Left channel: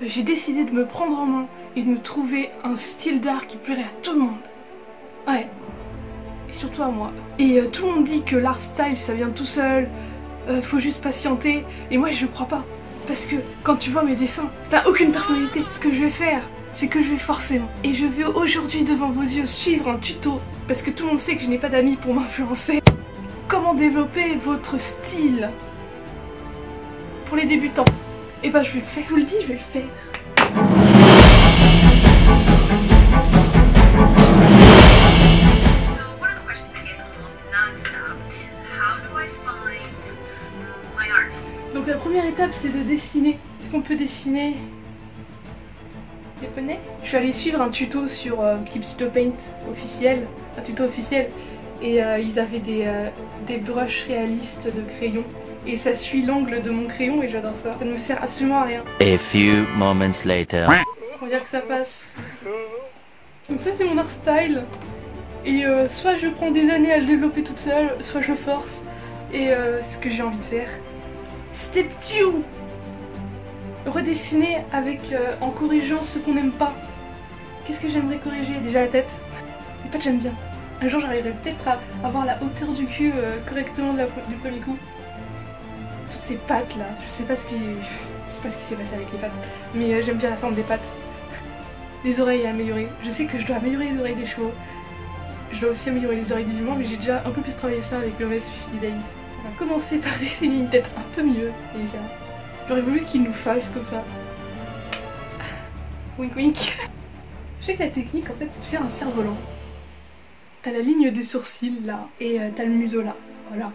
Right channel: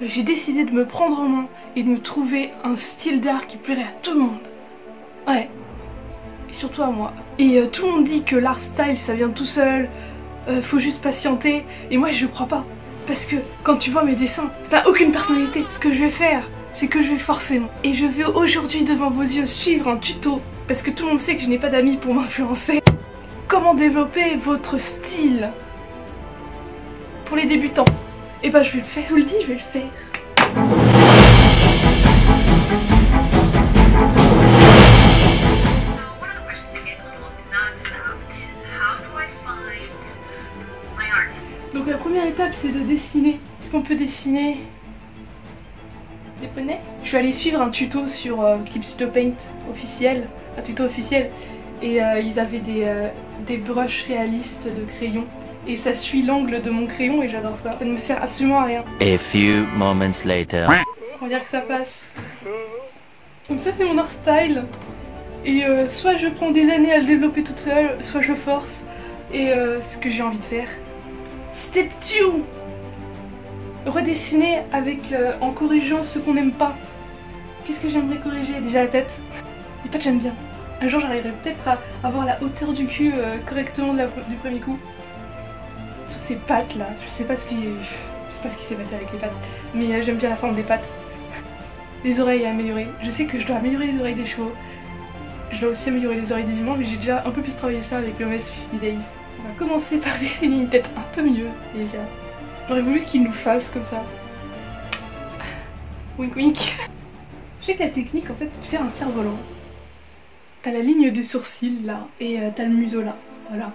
j'ai décidé de me prendre en main et de me trouver un style d'art qui plairait à tout le monde. Ouais, et surtout à moi. Et tout le monde dit que l'art style ça vient tout seul, faut juste patienter, et moi je crois pas. Parce que quand tu vois mes dessins, ça n'a aucune personnalité. Ce que je vais faire, c'est que je vais forcément. Et je vais aujourd'hui devant vos yeux suivre un tuto, parce que tout le monde sait que je n'ai pas d'amis pour m'influencer. Comment développer votre style pour les débutants. Et bah je vais le faire, je vous le dis, je vais le faire. Donc la première étape c'est de dessiner. Est-ce qu'on peut dessiner des poneys? Je suis allée suivre un tuto sur Clipstudio Paint officiel, un tuto officiel, et ils avaient des brushes réalistes de crayon. Et ça suit l'angle de mon crayon et j'adore ça. Ça ne me sert absolument à rien. A few moments later. On va dire que ça passe. Donc ça c'est mon art style. Et soit je prends des années à le développer toute seule, soit je force. Et ce que j'ai envie de faire. Step 2. Redessiner avec, en corrigeant ce qu'on n'aime pas. Qu'est-ce que j'aimerais corriger? Déjà la tête. Les pattes j'aime bien. Un jour j'arriverai peut-être à avoir la hauteur du cul correctement du premier coup. Toutes ces pattes là, je sais pas ce qui s'est passé avec les pattes, mais j'aime bien la forme des pattes. Les oreilles à améliorer, je sais que je dois améliorer les oreilles des chevaux, je dois aussi améliorer les oreilles des humains, mais j'ai déjà un peu plus travaillé ça avec le MS 50 Days. On va commencer par dessiner une tête un peu mieux déjà. J'aurais voulu qu'il nous fasse comme ça. Wink wink. Je sais que la technique en fait c'est de faire un cerf-volant. T'as la ligne des sourcils là, et t'as le museau là, voilà.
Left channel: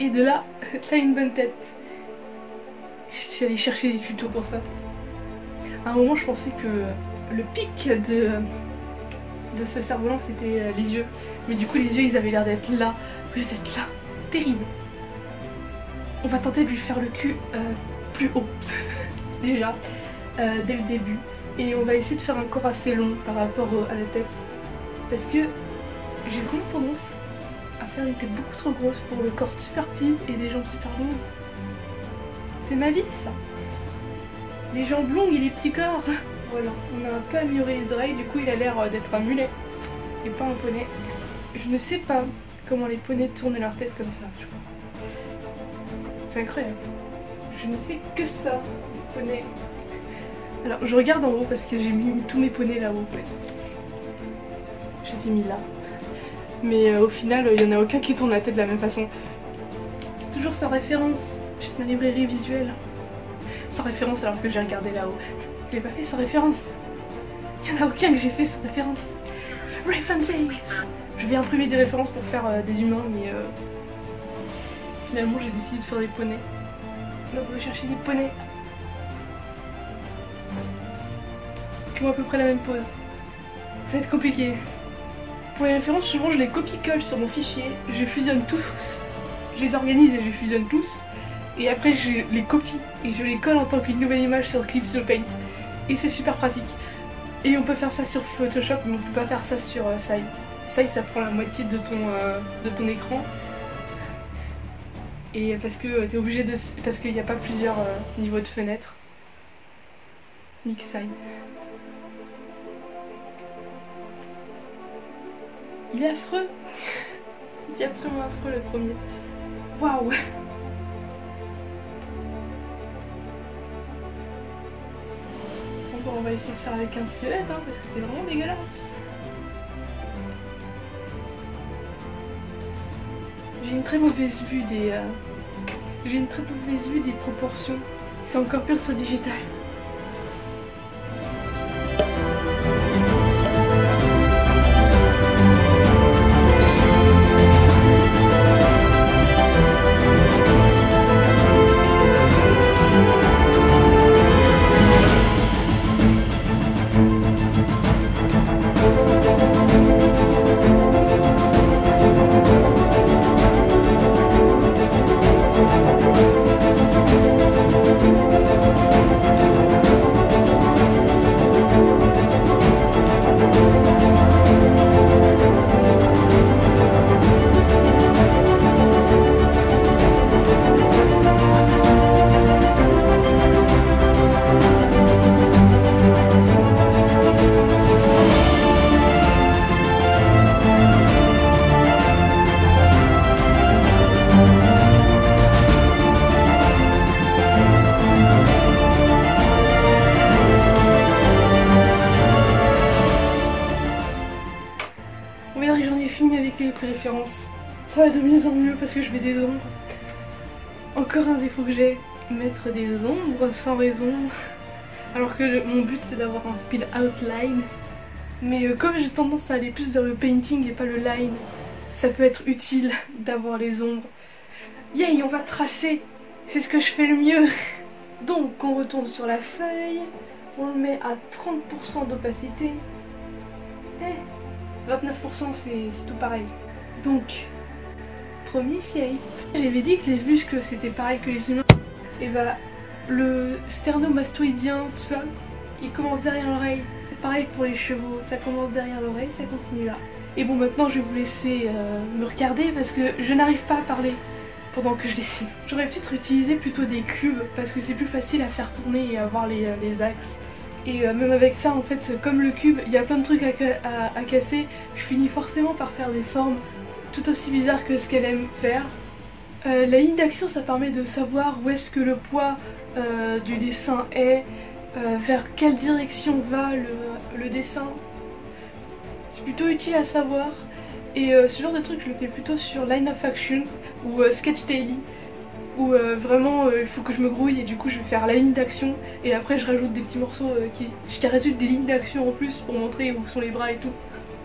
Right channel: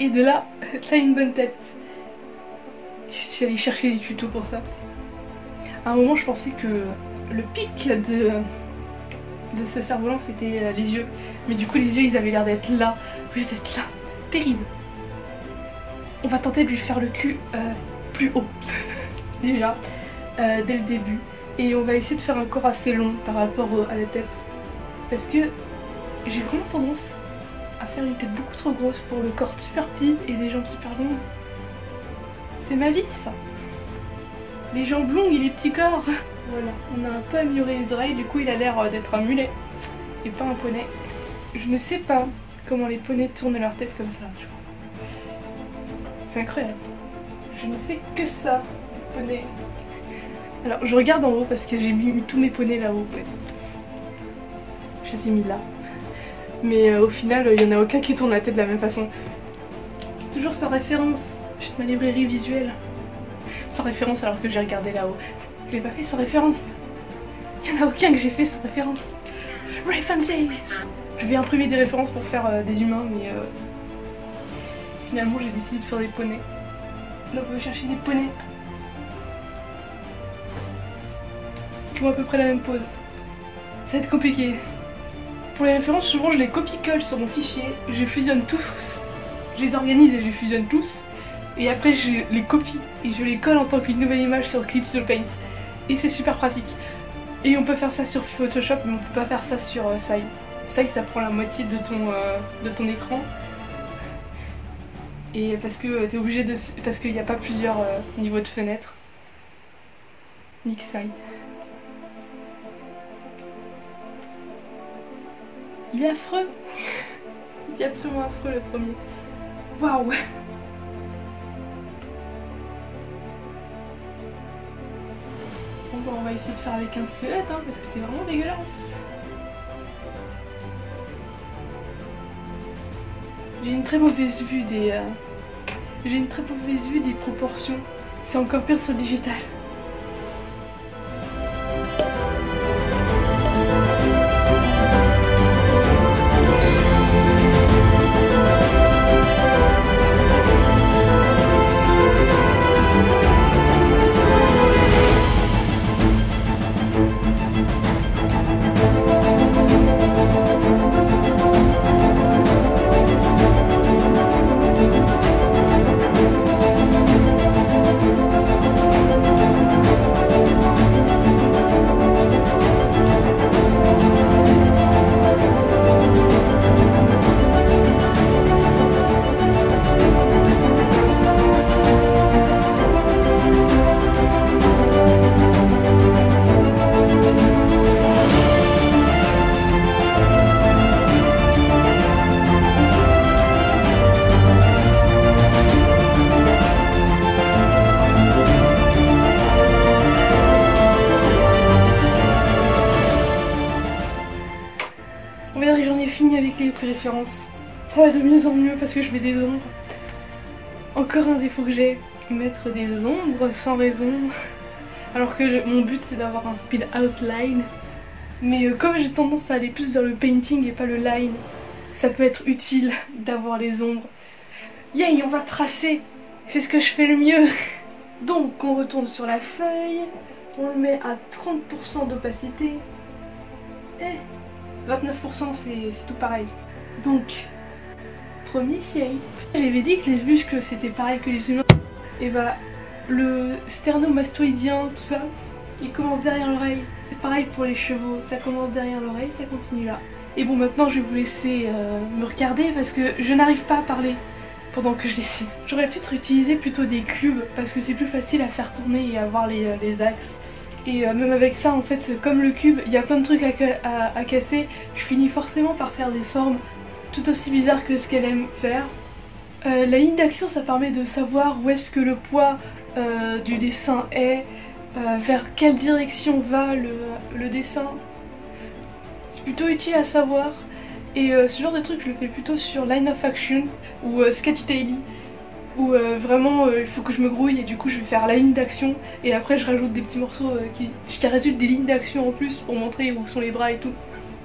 Et de là, t'as une bonne tête. Je suis allée chercher des tutos pour ça. À un moment, je pensais que le pic de ce cerf-volant, c'était les yeux. Mais du coup, les yeux, ils avaient l'air d'être là. Juste d'être là. Terrible. On va tenter de lui faire le cul plus haut. Déjà, dès le début. Et on va essayer de faire un corps assez long par rapport à la tête. Parce que j'ai vraiment tendance à faire une tête beaucoup trop grosse pour le corps super petit et des jambes super longues. C'est ma vie ça. Les jambes longues et les petits corps. Voilà, on a un peu amélioré les oreilles, du coup il a l'air d'être un mulet et pas un poney. Je ne sais pas comment les poneys tournent leur tête comme ça, je crois. C'est incroyable. Je ne fais que ça, les poneys. Alors je regarde en haut parce que j'ai mis tous mes poneys là-haut. Ouais. Je les ai mis là. Mais au final, il n'y en a aucun qui tourne la tête de la même façon. Toujours sans référence. Juste ma librairie visuelle. Sans référence alors que j'ai regardé là-haut. Je l'ai pas fait sans référence. Il n'y en a aucun que j'ai fait sans référence. References. Je vais imprimer des références pour faire des humains, mais finalement j'ai décidé de faire des poneys. Donc on va chercher des poneys qui ont à peu près la même pose. Ça va être compliqué. Pour les références, souvent je les copie-colle sur mon fichier, je fusionne tous, je les organise et je fusionne tous, et après je les copie et je les colle en tant qu'une nouvelle image sur Clipstudio Paint, et c'est super pratique. Et on peut faire ça sur Photoshop, mais on peut pas faire ça sur Sai. Sai ça prend la moitié de ton écran, et parce que t'es obligé de... parce qu'il n'y a pas plusieurs niveaux de fenêtres. Nick Sai. Il est affreux. Il est absolument affreux le premier. Waouh. Bon bah on va essayer de faire avec un squelette hein, parce que c'est vraiment dégueulasse. J'ai une très mauvaise vue des... J'ai une très mauvaise vue des proportions. C'est encore pire sur le digital. fini avec les références. Ça va de mieux en mieux parce que je mets des ombres. Encore un défaut que j'ai, mettre des ombres sans raison. Alors que mon but c'est d'avoir un speed outline. Mais comme j'ai tendance à aller plus vers le painting et pas le line, ça peut être utile d'avoir les ombres. Yay, on va tracer. C'est ce que je fais le mieux. Donc on retourne sur la feuille. On le met à 30% d'opacité. Et 29% c'est tout pareil. Donc, premier shape. J'avais dit que les muscles c'était pareil que les humains. Et bah, le sternomastoïdien, tout ça, il commence derrière l'oreille. C'est pareil pour les chevaux, ça commence derrière l'oreille, ça continue là. Et bon, maintenant je vais vous laisser me regarder parce que je n'arrive pas à parler pendant que je dessine. J'aurais pu utiliser plutôt des cubes parce que c'est plus facile à faire tourner et à voir les axes. Et même avec ça, en fait, comme le cube, il y a plein de trucs à casser, je finis forcément par faire des formes tout aussi bizarres que ce qu'elle aime faire. La ligne d'action, ça permet de savoir où est-ce que le poids du dessin est, vers quelle direction va le dessin. C'est plutôt utile à savoir. Et ce genre de truc, je le fais plutôt sur Line of Action ou Sketch Daily, où vraiment il faut que je me grouille et du coup je vais faire la ligne d'action et après je rajoute des petits morceaux qui résultent des lignes d'action en plus pour montrer où sont les bras et tout.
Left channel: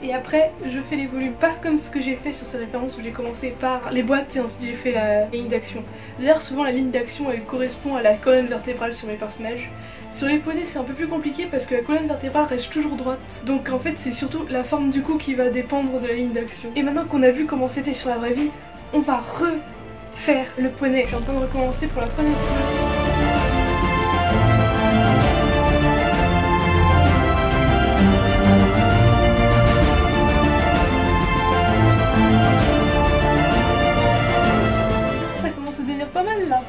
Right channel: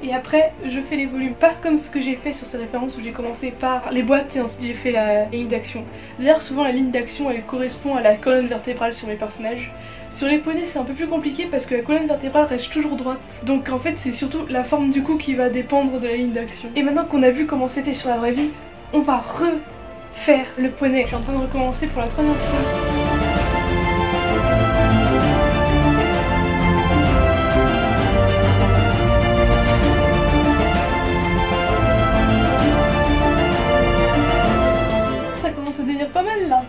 Et après je fais les volumes, pas comme ce que j'ai fait sur ces références où j'ai commencé par les boîtes et ensuite j'ai fait la ligne d'action. D'ailleurs souvent la ligne d'action elle correspond à la colonne vertébrale sur mes personnages. Sur les poneys c'est un peu plus compliqué parce que la colonne vertébrale reste toujours droite. Donc en fait c'est surtout la forme du cou qui va dépendre de la ligne d'action. Et maintenant qu'on a vu comment c'était sur la vraie vie, on va refaire le poney. Je suis en train de recommencer pour la 3e fois. Ça commence à devenir pas mal là.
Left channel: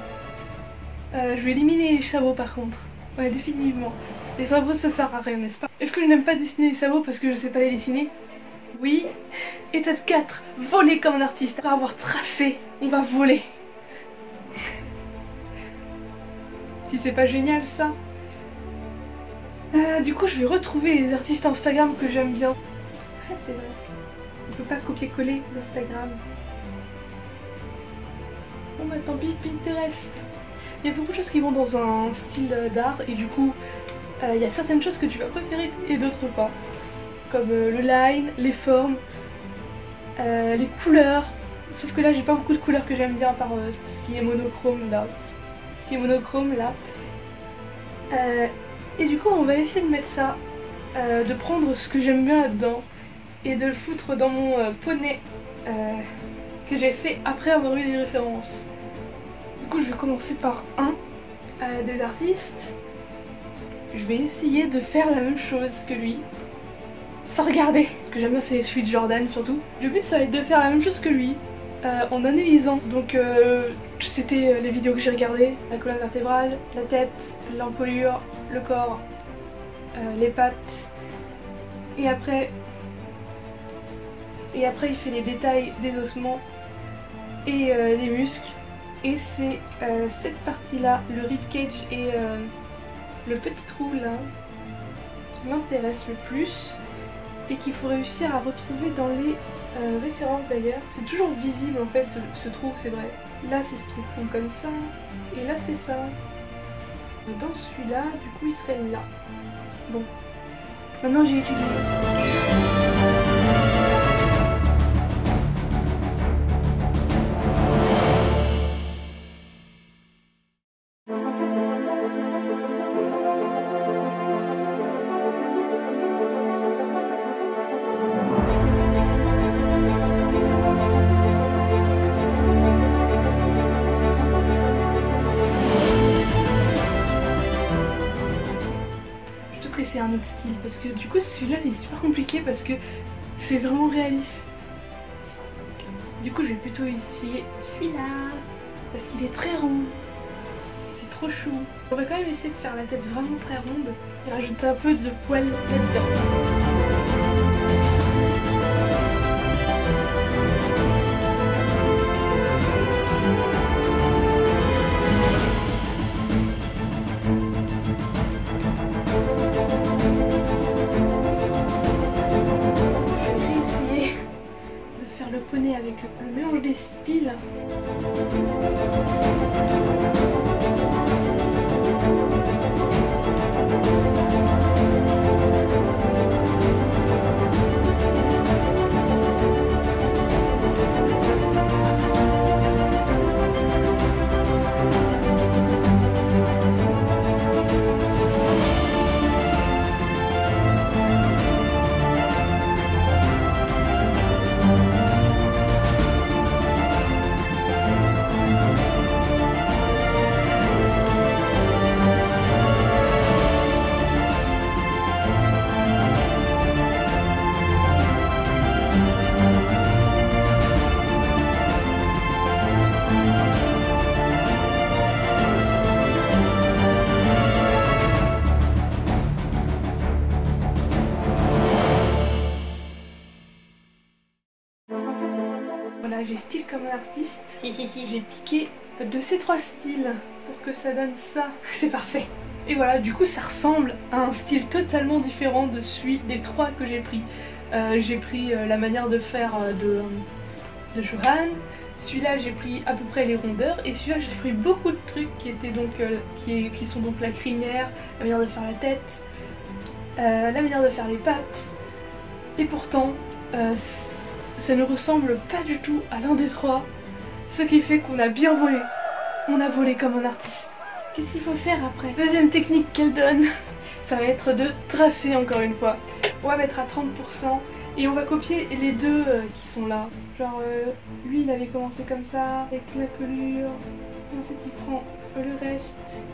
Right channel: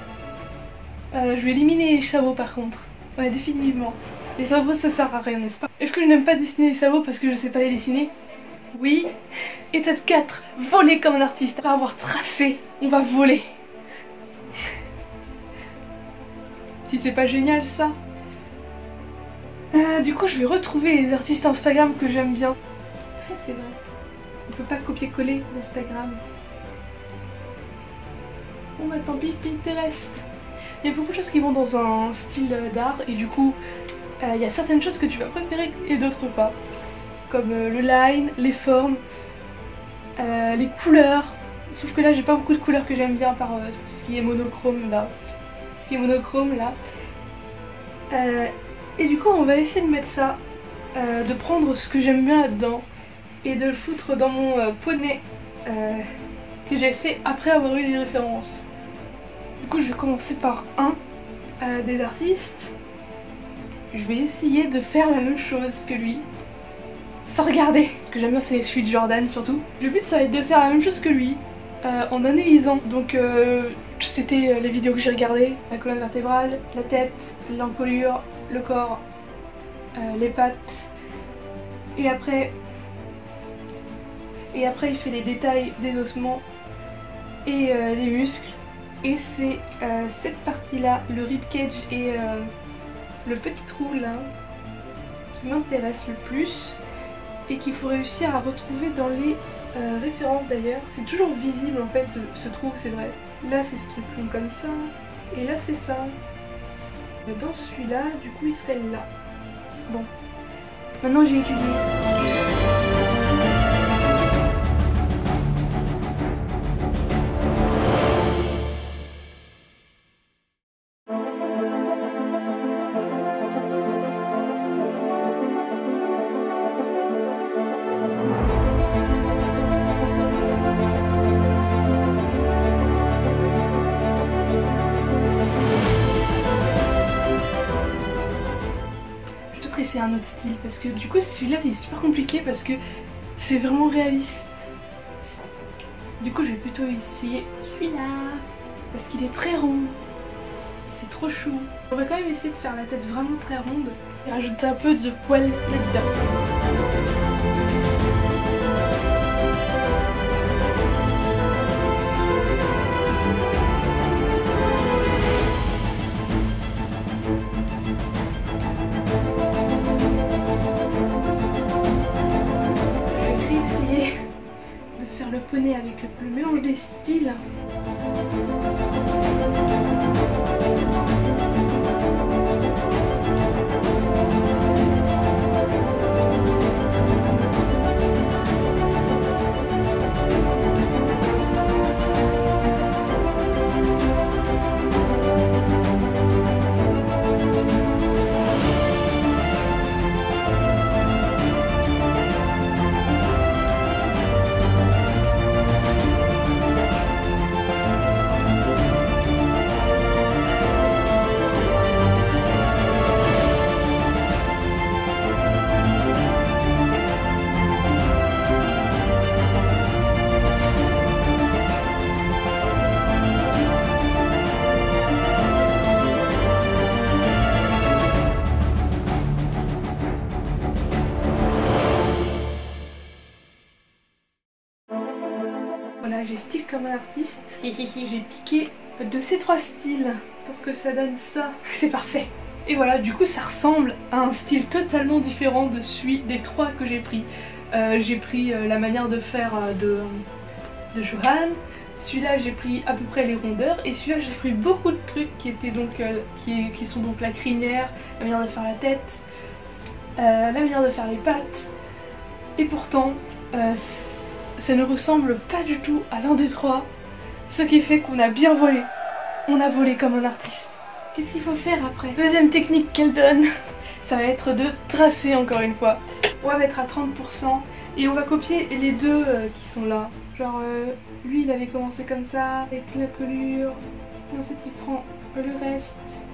Je vais éliminer les sabots par contre. Ouais, définitivement. Les sabots ça sert à rien, n'est-ce pas? Est-ce que je n'aime pas dessiner les sabots parce que je sais pas les dessiner? Oui. Étape 4, voler comme un artiste. Après avoir tracé, on va voler. Si c'est pas génial ça. Du coup je vais retrouver les artistes Instagram que j'aime bien. Ah, c'est vrai. On peut pas copier-coller d'Instagram. Bon bah tant pis, Pinterest. Il y a beaucoup de choses qui vont dans un style d'art et du coup il y a certaines choses que tu vas préférer et d'autres pas. Comme le line, les formes, les couleurs. Sauf que là j'ai pas beaucoup de couleurs que j'aime bien par ce qui est monochrome là. Ce qui est monochrome là. Et du coup on va essayer de mettre ça, de prendre ce que j'aime bien là-dedans et de le foutre dans mon poney que j'ai fait après avoir eu des références. Du coup je vais commencer par un des artistes. Je vais essayer de faire la même chose que lui. Sans regarder, ce que j'aime bien c'est celui de Jordan surtout. Le but ça va être de faire la même chose que lui, en analysant. Donc c'était les vidéos que j'ai regardées, la colonne vertébrale, la tête, l'encolure, le corps, les pattes. Et après il fait les détails des ossements et les muscles. Et c'est cette partie là, le ribcage et le petit trou là, qui m'intéresse le plus. Et qu'il faut réussir à retrouver dans les références d'ailleurs. C'est toujours visible en fait ce trou, c'est vrai. Là c'est ce truc long comme ça, et là c'est ça. Dans celui-là, du coup il serait là. Bon, maintenant j'ai étudié. C'est un autre style parce que du coup celui-là c'est super compliqué parce que c'est vraiment réaliste. Du coup je vais plutôt essayer celui-là parce qu'il est très rond et c'est trop chou. On va quand même essayer de faire la tête vraiment très ronde et rajouter un peu de poils là-dedans. poney avec le mélange des styles. Voilà, j'ai style comme un artiste. J'ai piqué de ces 3 styles pour que ça donne ça. C'est parfait. Et voilà, du coup ça ressemble à un style totalement différent de celui des 3 que j'ai pris. J'ai pris la manière de faire de Johan. Celui-là j'ai pris à peu près les rondeurs. Et celui-là j'ai pris beaucoup de trucs qui étaient donc qui sont donc la crinière, la manière de faire la tête, la manière de faire les pattes. Et pourtant ça ne ressemble pas du tout à l'un des 3, ce qui fait qu'on a bien volé. On a volé comme un artiste. Qu'est-ce qu'il faut faire après? Deuxième technique qu'elle donne, ça va être de tracer encore une fois. On va mettre à 30% et on va copier les deux qui sont là. Genre lui il avait commencé comme ça, avec la colure, et ensuite il prend le reste.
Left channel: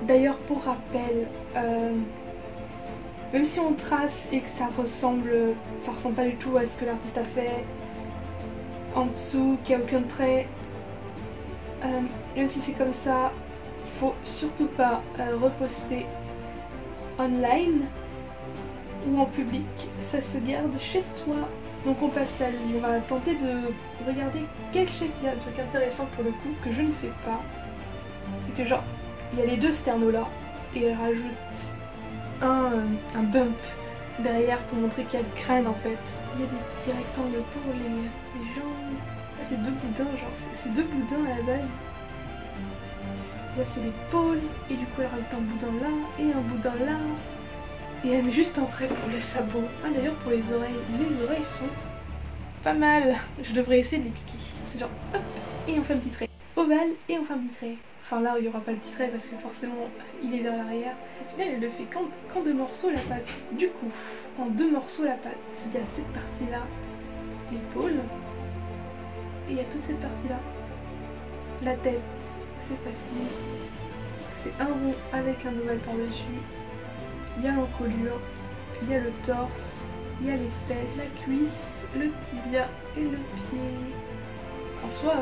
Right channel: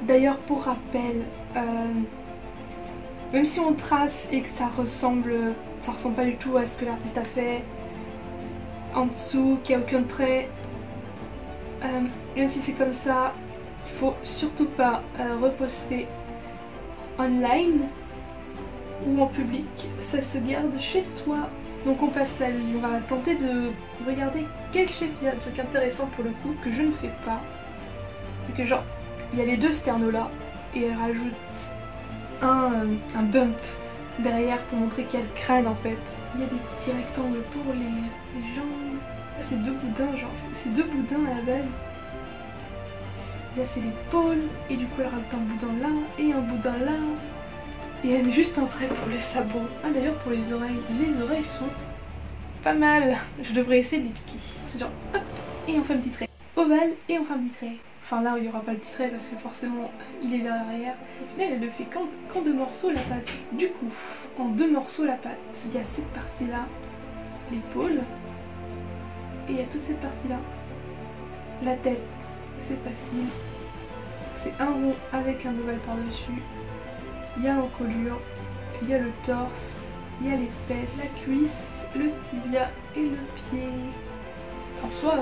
D'ailleurs pour rappel, même si on trace et que ça ressemble pas du tout à ce que l'artiste a fait en dessous, qu'il n'y a aucun trait, même si c'est comme ça, il faut surtout pas reposter online ou en public, ça se garde chez soi. Donc on passe à lui, on va tenter de regarder quel shape il y a, un truc intéressant pour le coup que je ne fais pas. C'est que genre, il y a les 2 sternos là et elle rajoute un bump derrière pour montrer qu'il y a le crâne en fait. Il y a des petits rectangles pour les jambes. Là c'est 2 boudins, genre c'est 2 boudins à la base. Là c'est l'épaule et du coup elle rajoute un boudin là et un boudin là. Et elle met juste un trait pour le sabot. Ah d'ailleurs pour les oreilles sont pas mal. Je devrais essayer de les piquer. C'est genre hop et on fait un petit trait. Ovale et on fait un petit trait. Enfin là il n'y aura pas le petit trait parce que forcément il est vers l'arrière. Au final elle le fait qu'en 2 morceaux la patte. Du coup en 2 morceaux la patte. Il y a cette partie là, l'épaule, et il y a toute cette partie là. La tête c'est facile. C'est un rond avec un ovale par dessus. Il y a l'encolure, il y a le torse, il y a les fesses, la cuisse, le tibia et le pied. En soi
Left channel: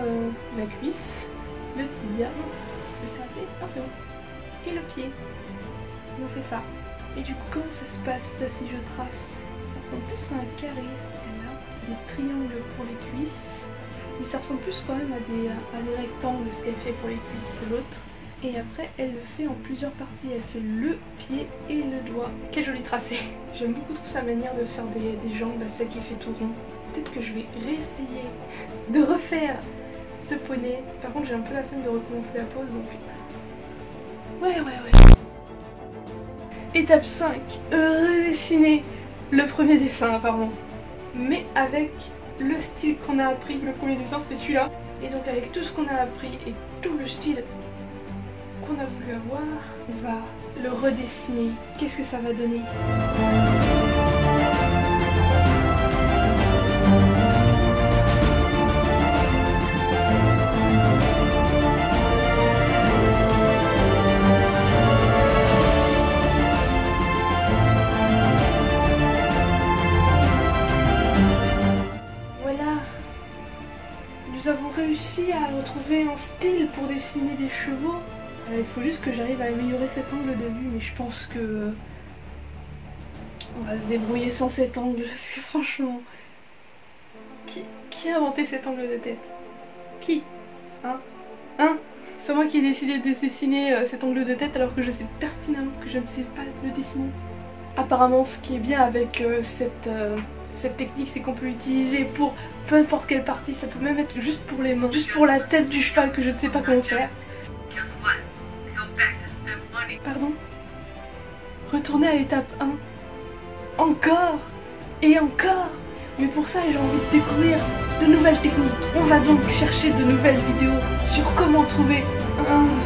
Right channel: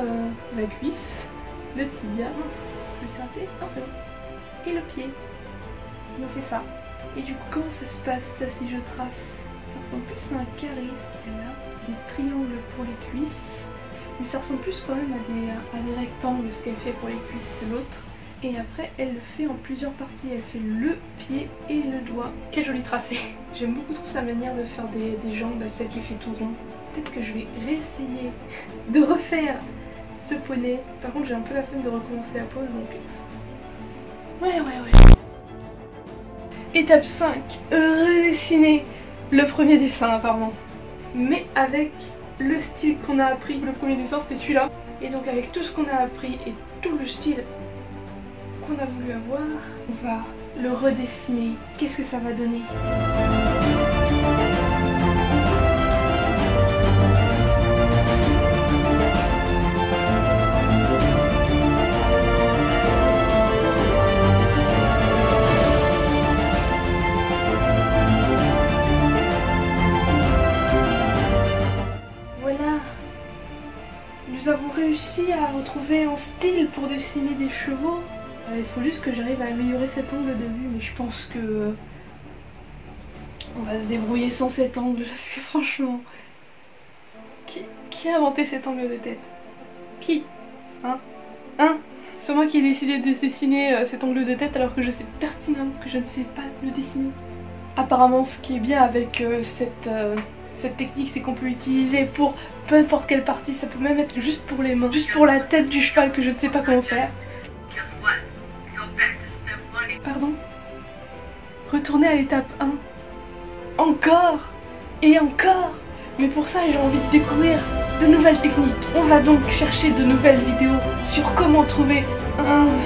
la cuisse, le tibia, mince, je me suis ratée, non c'est bon, et le pied, et on fait ça. Et du coup comment ça se passe ça si je trace? Ça ressemble plus à un carré, ce qu'il y a là, des triangles pour les cuisses, mais ça ressemble plus quand même à des rectangles ce qu'elle fait pour les cuisses, l'autre. Et après elle le fait en plusieurs parties, elle fait le pied et le doigt. Quel joli tracé. J'aime beaucoup trop sa manière de faire des jambes, celle qui fait tout rond. Peut-être que je vais réessayer de refaire ce poney. Par contre j'ai un peu la flemme de recommencer la pose donc... Ouais. Étape 5. Redessiner le premier dessin apparemment. Mais avec le style qu'on a appris. Le premier dessin c'était celui-là. Et donc avec tout ce qu'on a appris et tout le style qu'on a voulu avoir, on va le redessiner. Qu'est-ce que ça va donner? Voilà, nous avons réussi à retrouver un style pour dessiner des chevaux. Il faut juste que j'arrive à améliorer cet angle de vue, mais je pense que on va se débrouiller sans cet angle, parce que franchement, qui a inventé cet angle de tête? Qui? Hein? C'est moi qui ai décidé de dessiner cet angle de tête alors que je sais pertinemment que je ne sais pas le dessiner. Apparemment, ce qui est bien avec cette technique, c'est qu'on peut l'utiliser pour peu importe quelle partie, ça peut même être juste pour les mains, juste pour la tête du cheval que je ne sais pas comment faire. Pardon? Retourner à l'étape 1. Encore et encore. Mais pour ça, j'ai envie de découvrir de nouvelles techniques. On va donc chercher de nouvelles vidéos sur comment trouver un